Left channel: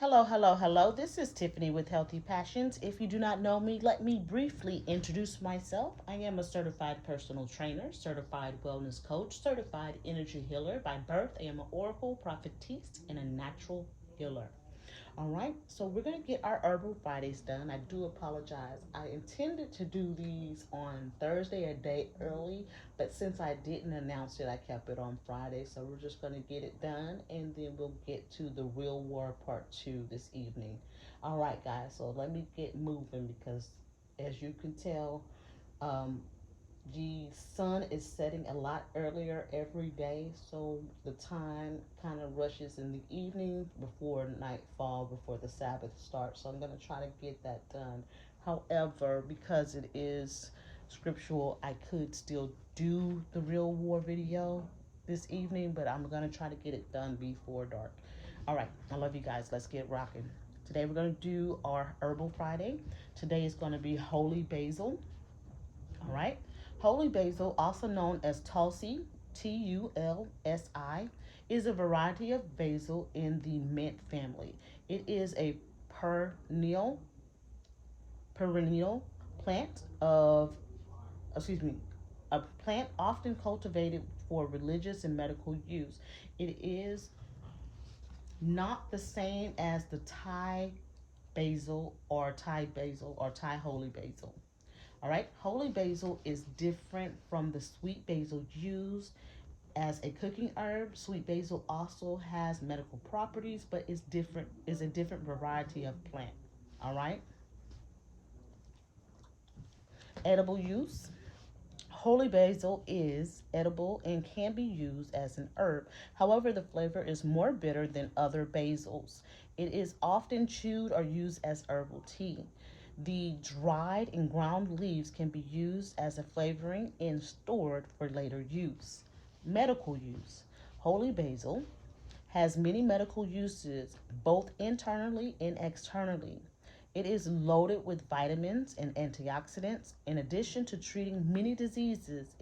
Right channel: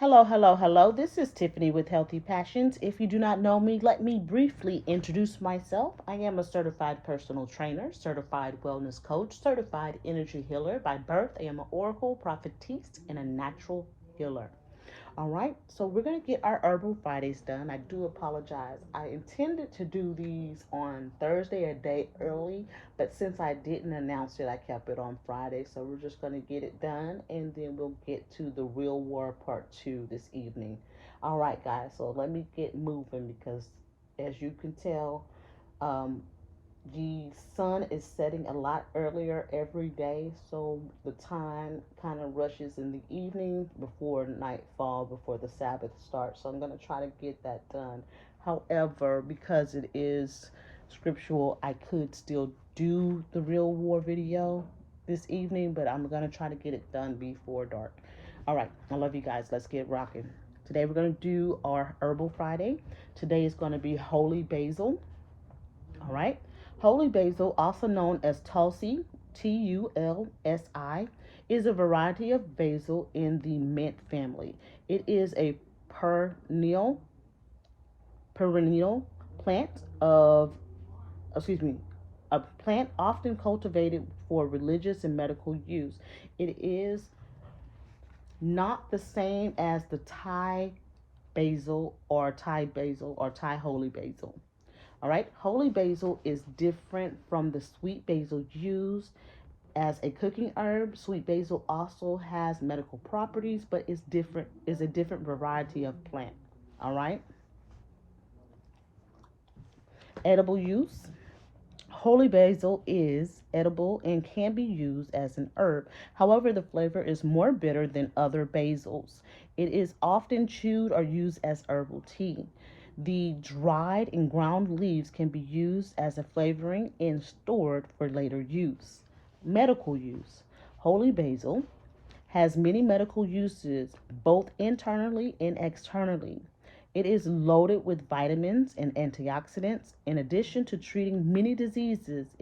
Hello, hello, hello. This is Tiffany with Healthy Passions. If you do not know me, let me briefly introduce myself. I am a certified personal trainer, certified wellness coach, certified energy healer. By birth, I am an oracle, prophetess, and a natural healer. All right, so we're going to get our Herbal Fridays done. I do apologize. I intended to do these on Thursday, a day early, but since I didn't announce it, I kept it on Friday. So we're just going to get it done and then we'll get to the real war part two this evening. All right, guys, so let me get moving because as you can tell, um, the sun is setting a lot earlier every day, so the time kind of rushes in the evening before nightfall, before the Sabbath starts. So I'm going to try to get that done. However, because it is scriptural, I could still do the real war video this evening, but I'm going to try to get it done before dark. All right, I love you guys. Let's get rocking. Today we're going to do our Herbal Friday. Today is going to be Holy Basil. All right. Holy basil, also known as Tulsi, Tulsi, is a variety of basil in the mint family. It is a perennial perennial plant of excuse me, a plant often cultivated for religious and medical use. It is not the same as the Thai holy basil. All right, holy basil is different from the sweet basil used as a cooking herb. Sweet basil also has medical properties, but it's different. Is a different variety of plant. All right, edible use. Holy basil is edible and can be used as an herb. However, the flavor is more bitter than other basils. It is often chewed or used as herbal tea. The dried and ground leaves can be used as a flavoring and stored for later use. Medical use. Holy basil has many medical uses, both internally and externally. It is loaded with vitamins and antioxidants. In addition to treating many diseases,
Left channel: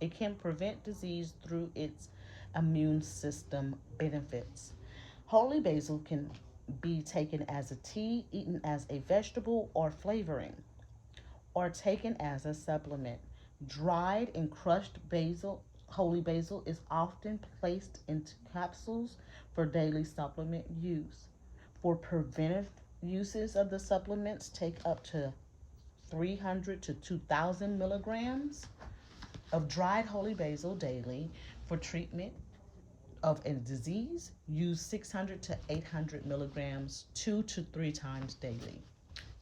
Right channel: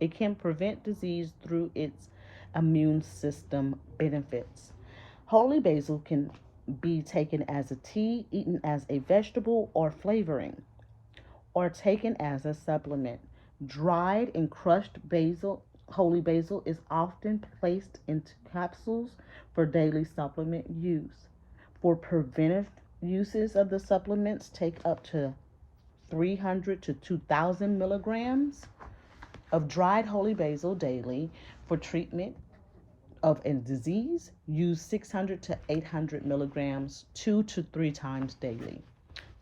it can prevent disease through its immune system benefits. Holy basil can be taken as a tea, eaten as a vegetable or flavoring, or taken as a supplement. Dried and crushed holy basil, is often placed into capsules for daily supplement use. For preventive uses of the supplements, take up to 300 to 2,000 milligrams of dried holy basil daily. For treatment of a disease, use 600 to 800 milligrams 2 to 3 times daily.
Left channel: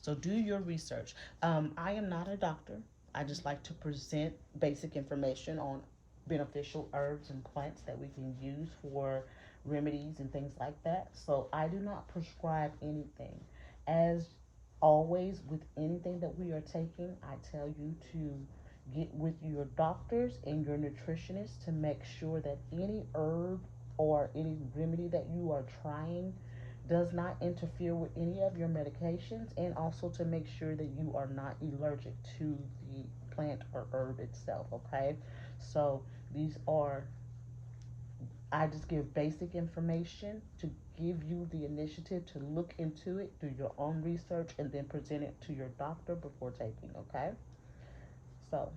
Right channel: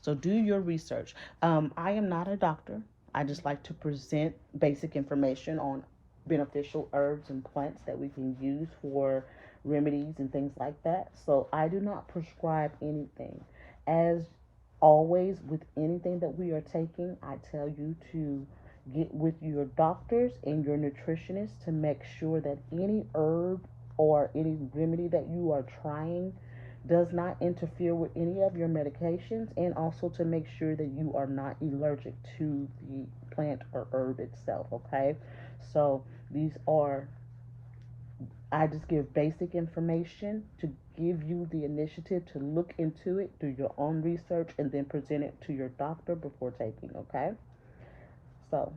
So do your research. I am not a doctor. I just like to present basic information on beneficial herbs and plants that we can use for remedies and things like that. So I do not prescribe anything. As always, with anything that we are taking, I tell you to get with your doctors and your nutritionists to make sure that any herb or any remedy that you are trying does not interfere with any of your medications, and also to make sure that you are not allergic to the plant or herb itself. Okay, so these are, I just give basic information to give you the initiative to look into it, do your own research, and then present it to your doctor before taking. Okay, so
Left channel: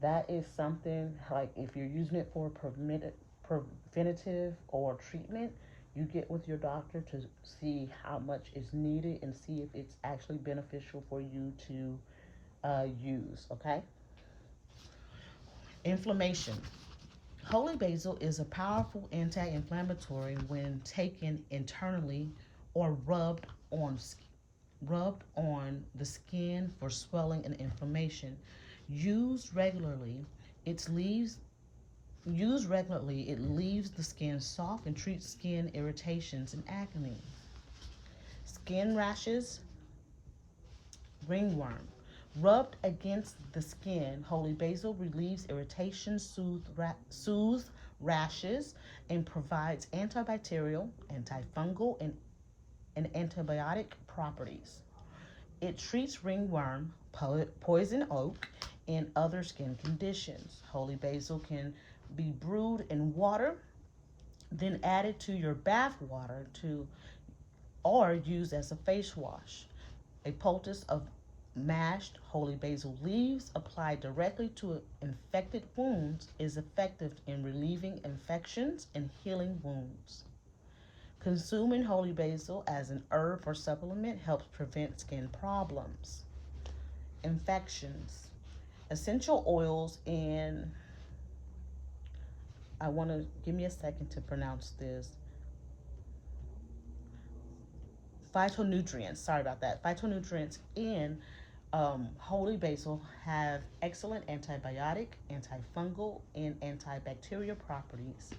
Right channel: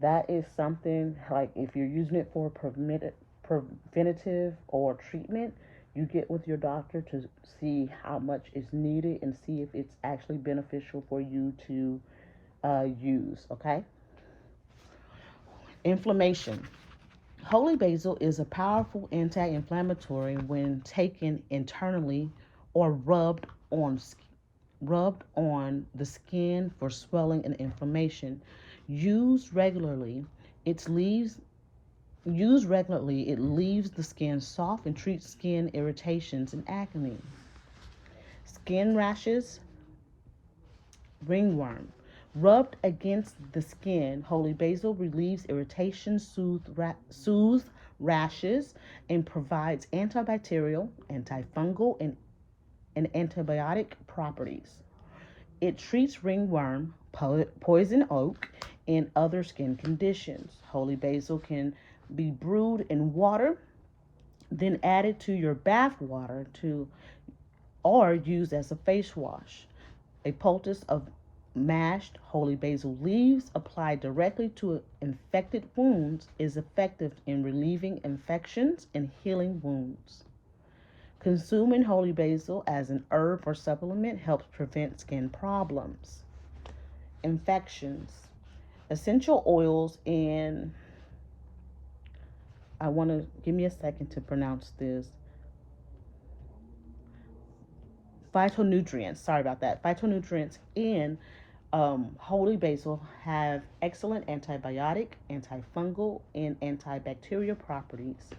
that is something like if you're using it for preventative or treatment, you get with your doctor to see how much is needed and see if it's actually beneficial for you to use. Okay. Inflammation. Holy basil is a powerful anti-inflammatory when taken internally or rubbed on the skin for swelling and inflammation. Used regularly, its leaves it leaves the skin soft and treats skin irritations and acne. Skin rashes, ringworm. Rubbed against the skin, holy basil relieves irritation, soothes rashes, and provides antibacterial, antifungal, and antibiotic properties. It treats ringworm, poison oak, and other skin conditions. Holy basil can be brewed in water, then added to your bath water to or used as a face wash. A poultice of mashed holy basil leaves applied directly to infected wounds is effective in relieving infections and healing wounds. Consuming holy basil as an herb or supplement helps prevent skin problems, infections. Essential oils and I want to give me a second to pronounce this. Phytonutrients, sorry about that. Phytonutrients in holy basil have excellent antibiotic, antifungal, and antibacterial properties.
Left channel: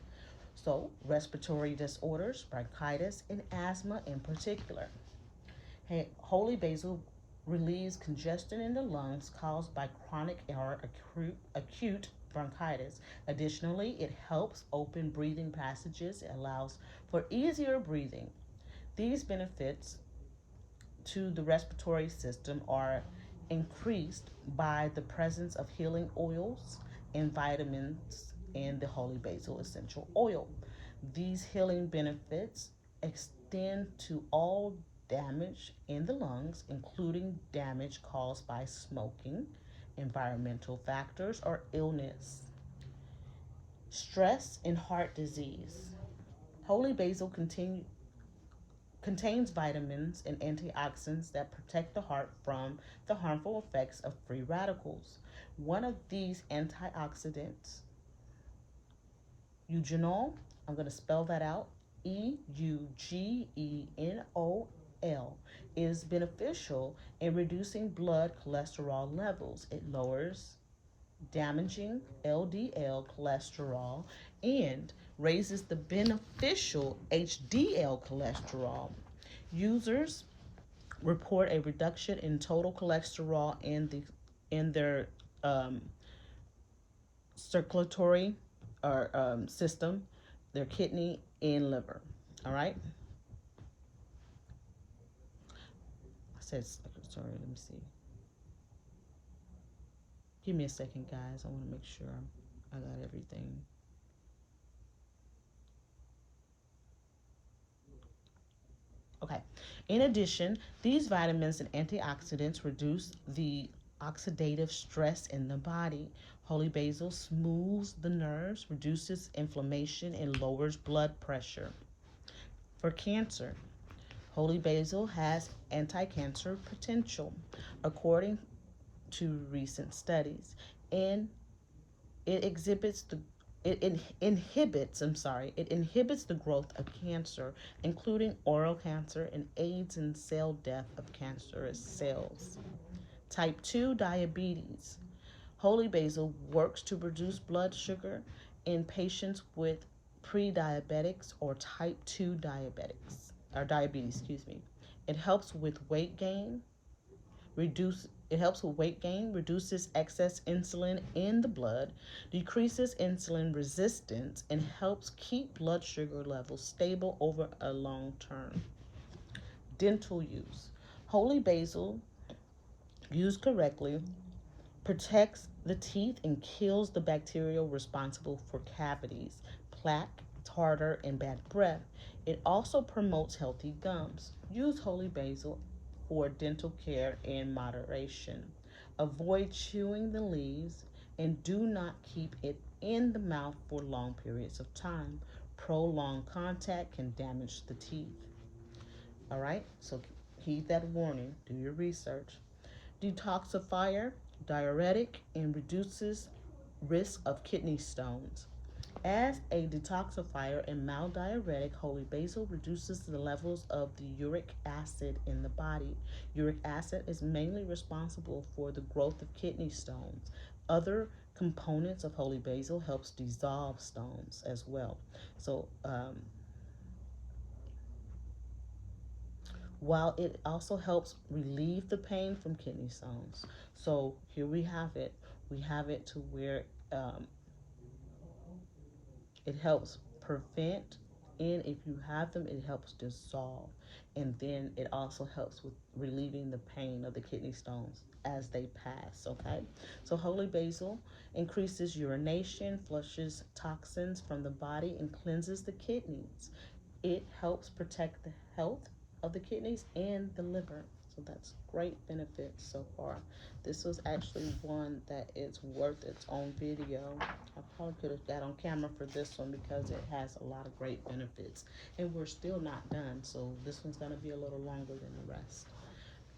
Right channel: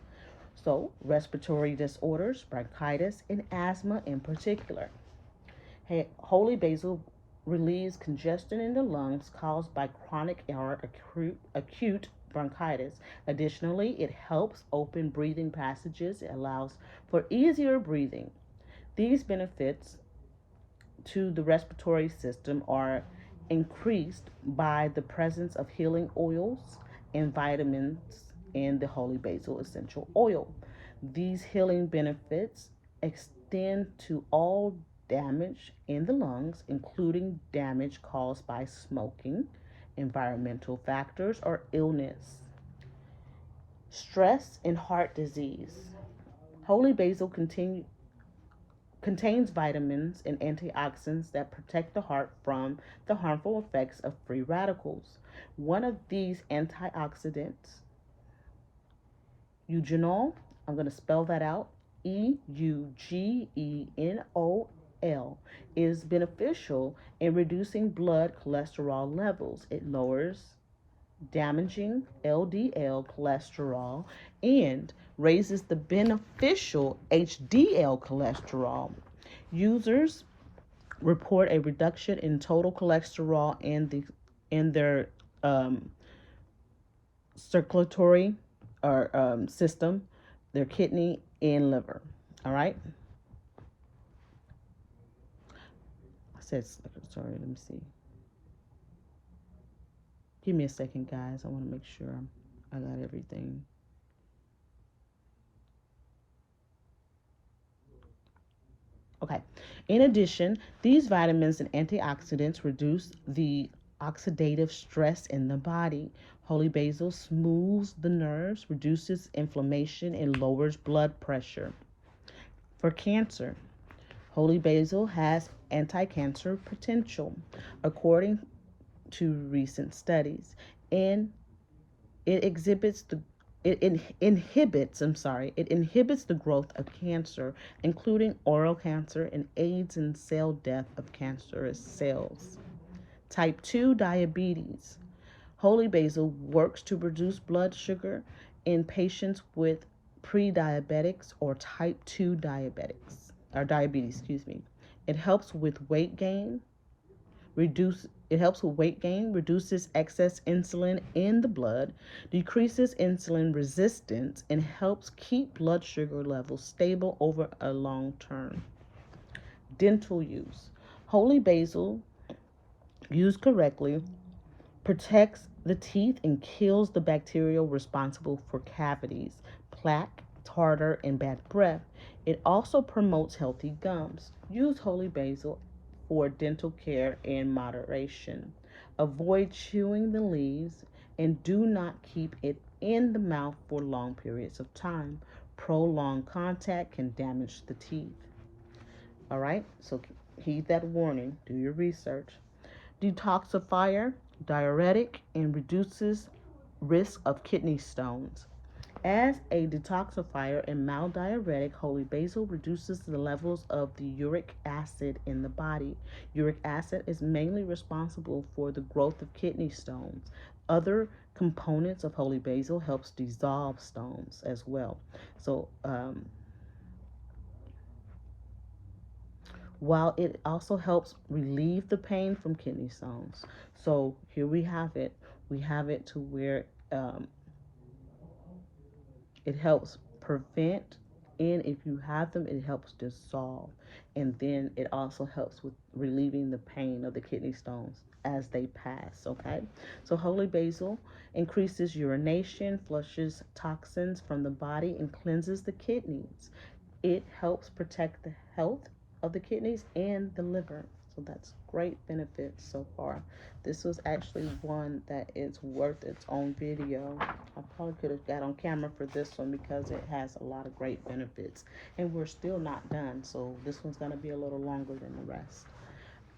So, respiratory disorders, bronchitis, and asthma in particular. Holy basil relieves congestion in the lungs caused by chronic or acute bronchitis. Additionally, it helps open breathing passages. It allows for easier breathing. These benefits to the respiratory system are increased by the presence of healing oils and vitamins in the holy basil essential oil. These healing benefits extend to all damage in the lungs, including damage caused by smoking, environmental factors, or illness. Stress and heart disease. Holy basil contains vitamins and antioxidants that protect the heart from the harmful effects of free radicals. One of these antioxidants, eugenol, I'm going to spell that out, Eugenol, is beneficial in reducing blood cholesterol levels. It lowers damaging LDL cholesterol and raises the beneficial HDL cholesterol. Users report a reduction in total cholesterol in their circulatory or system, their kidney and liver. All right. I said sorry. Let me see. Give me a second, guys. I want to make sure I got everything. Okay. In addition, these vitamins and antioxidants reduce the oxidative stress in the body. Holy basil smooths the nerves, reduces inflammation, and lowers blood pressure. For cancer, holy basil has anti-cancer potential, according to recent studies, and it exhibits the it inhibits the growth of cancer, including oral cancer, and aids in cell death of cancerous cells. Type 2 diabetes. Holy basil works to reduce blood sugar in patients with pre-diabetics or type 2 diabetes, excuse me. It helps with weight gain, reduces excess insulin in the blood, decreases insulin resistance, and helps keep blood sugar levels stable over a long term. Dental use. Holy basil, used correctly, protects the teeth and kills the bacteria responsible for cavities, plaque, tartar, and bad breath. It also promotes healthy gums. Use holy basil for dental care in moderation. Avoid chewing the leaves and do not keep it in the mouth for long periods of time. Prolonged contact can damage the teeth. All right, so heed that warning. Do your research. Detoxifier, diuretic, and reduces risk of kidney stones. As a detoxifier and mild diuretic, holy basil reduces the levels of the uric acid in the body. Uric acid is mainly responsible for the growth of kidney stones. Other components of holy basil helps dissolve stones as well. So, while it also helps relieve the pain from kidney stones. So here we have it. We have it to where it helps prevent, and if you have them, it helps dissolve. And then it also helps with relieving the pain of the kidney stones as they pass, okay? So holy basil increases urination, flushes toxins from the body, and cleanses the kidneys. It helps protect the health of the kidneys and the liver. So that's great benefits so far. This was actually one that is worth its own video. I probably could have got on camera for this one because it has a lot of great benefits. And we're still not done, so this one's going to be a little longer than the rest.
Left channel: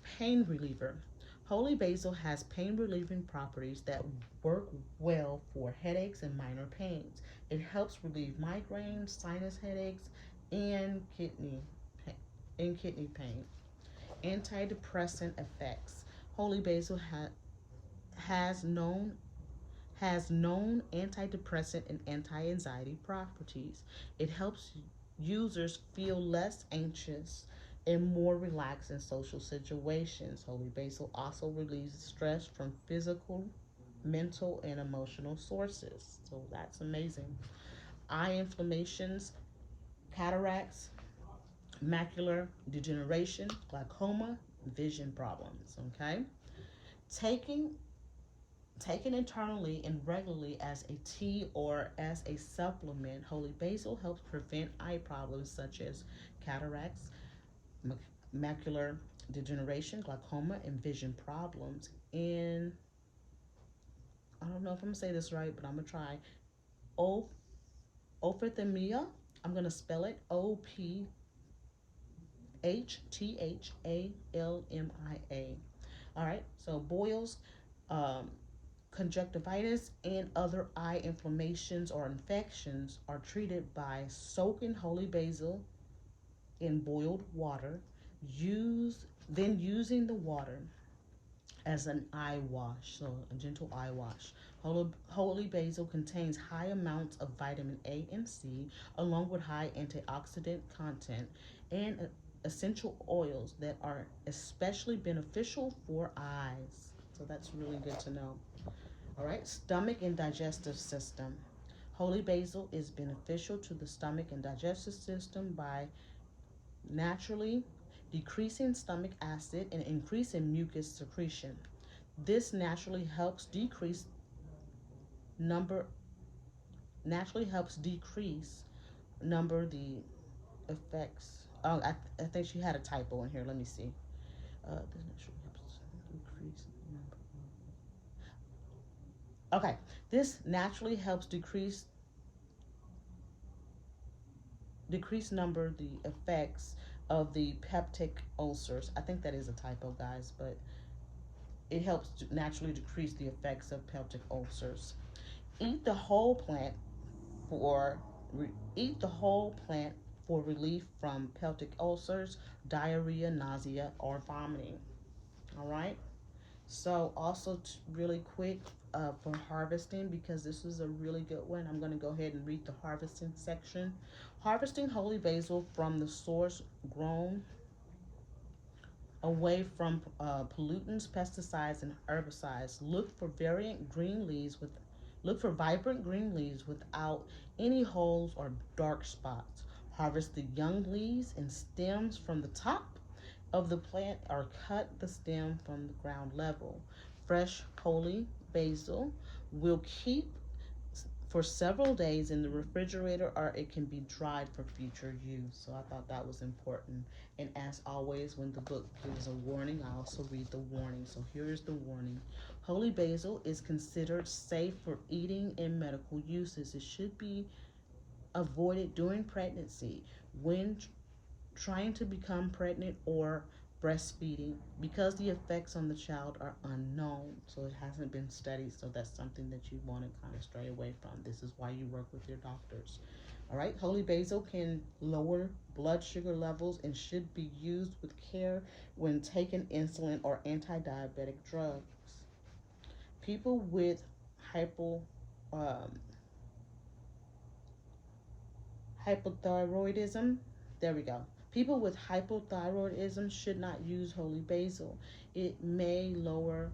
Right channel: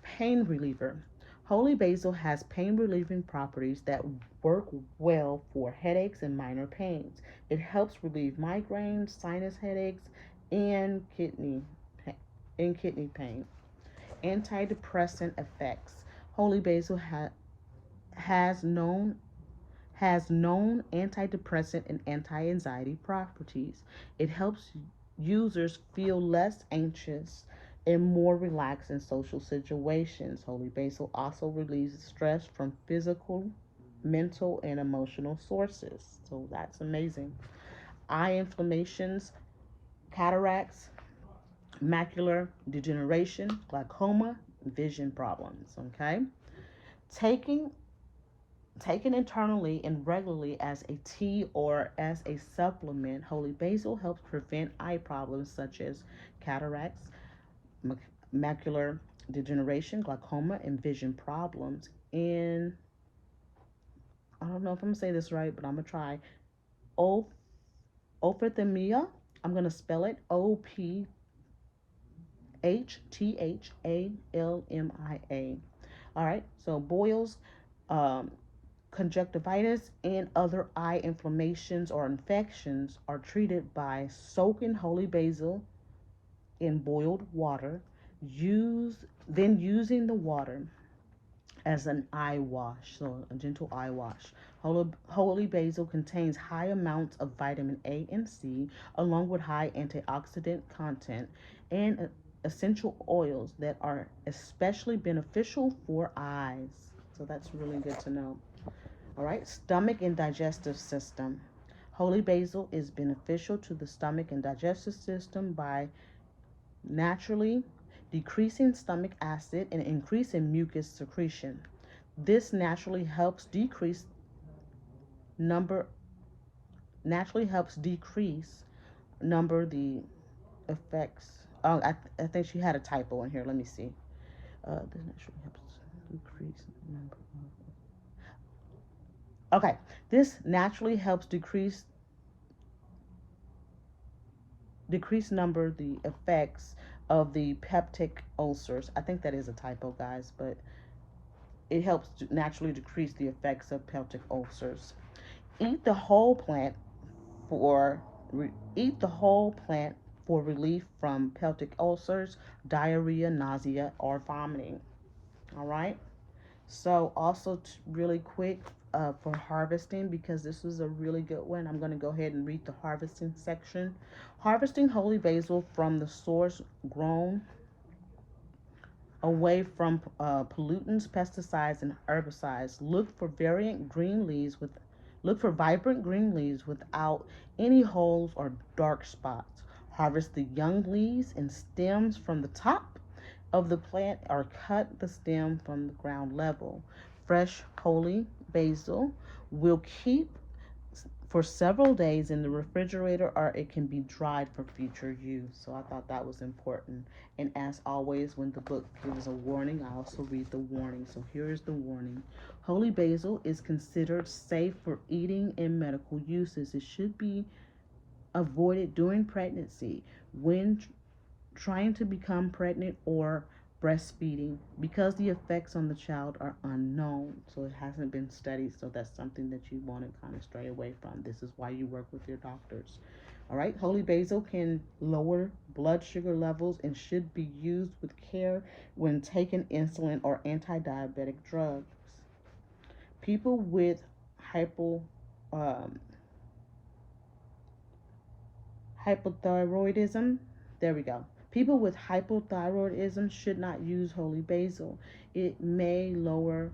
Pain reliever. Holy basil has pain relieving properties that work well for headaches and minor pains. It helps relieve migraines, sinus headaches, and kidney pain. Antidepressant effects. Holy basil has known has known antidepressant and anti-anxiety properties. It helps users feel less anxious and more relaxed in social situations. Holy basil also relieves stress from physical, mental, and emotional sources. So that's amazing. Eye inflammations, cataracts, macular degeneration, glaucoma, vision problems. Okay, taking taken internally and regularly as a tea or as a supplement, holy basil helps prevent eye problems such as cataracts, macular degeneration, glaucoma, and vision problems. And I don't know if I'm gonna say this right, but I'm gonna try. O ophthalmia. I'm gonna spell it OPHTHALMIA. All right. So boils, um, conjunctivitis, and other eye inflammations or infections are treated by soaking holy basil in boiled water, using the water as an eye wash, so a gentle eye wash. Holy basil contains high amounts of vitamin A and C, along with high antioxidant content and essential oils that are especially beneficial for eyes. So that's really good to know. All right, stomach and digestive system. Holy basil is beneficial to the stomach and digestive system by naturally decreasing stomach acid and increasing mucus secretion. This number naturally helps decrease number the effects. Oh, I think she had a typo in here. Let me see. This naturally helps decrease number. Okay, this naturally helps decrease number the effects of the peptic ulcers. I think that is a typo, guys, but it helps to naturally decrease the effects of peptic ulcers. Eat the whole plant for eat the whole plant for relief from peptic ulcers, diarrhea, nausea, or vomiting. All right. So also really quick for harvesting, because this was a really good one. I'm going to go ahead and read the harvesting section. Harvesting holy basil from the source grown away from pollutants, pesticides, and herbicides. Look for vibrant green leaves without any holes or dark spots. Harvest the young leaves and stems from the top of the plant or cut the stem from the ground level. Fresh holy basil will keep for several days in the refrigerator, or it can be dried for future use. So I thought that was important. And as always, when the book gives a warning, I also read the warning. So here is the warning. Holy basil is considered safe for eating and medical uses. It should be avoided during pregnancy, when trying to become pregnant, or breastfeeding, because the effects on the child are unknown. So it hasn't been studied. So that's something that you want to kind of stray away from. This is why you work with your doctors. All right, holy basil can lower blood sugar levels and should be used with care when taking insulin or anti-diabetic drugs. People with hypo um, hypothyroidism. There we go. People with hypothyroidism should not use holy basil. It may lower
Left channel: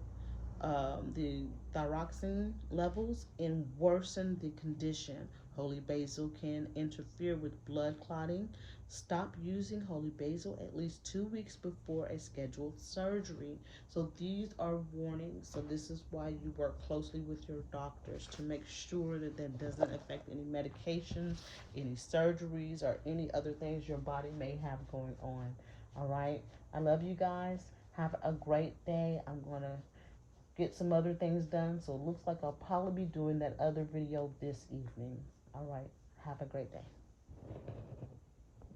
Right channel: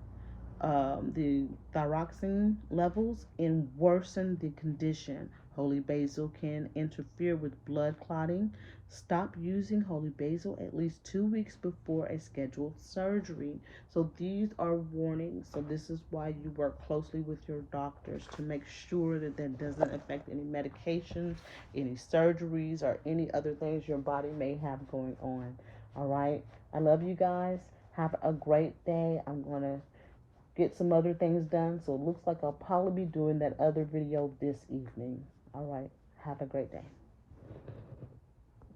the thyroxine levels and worsen the condition. Holy basil can interfere with blood clotting. Stop using holy basil at least 2 weeks before a scheduled surgery. So these are warnings. So this is why you work closely with your doctors to make sure that that doesn't affect any medications, any surgeries, or any other things your body may have going on. All right. I love you guys. Have a great day. I'm going to get some other things done. So it looks like I'll probably be doing that other video this evening. All right. Have a great day.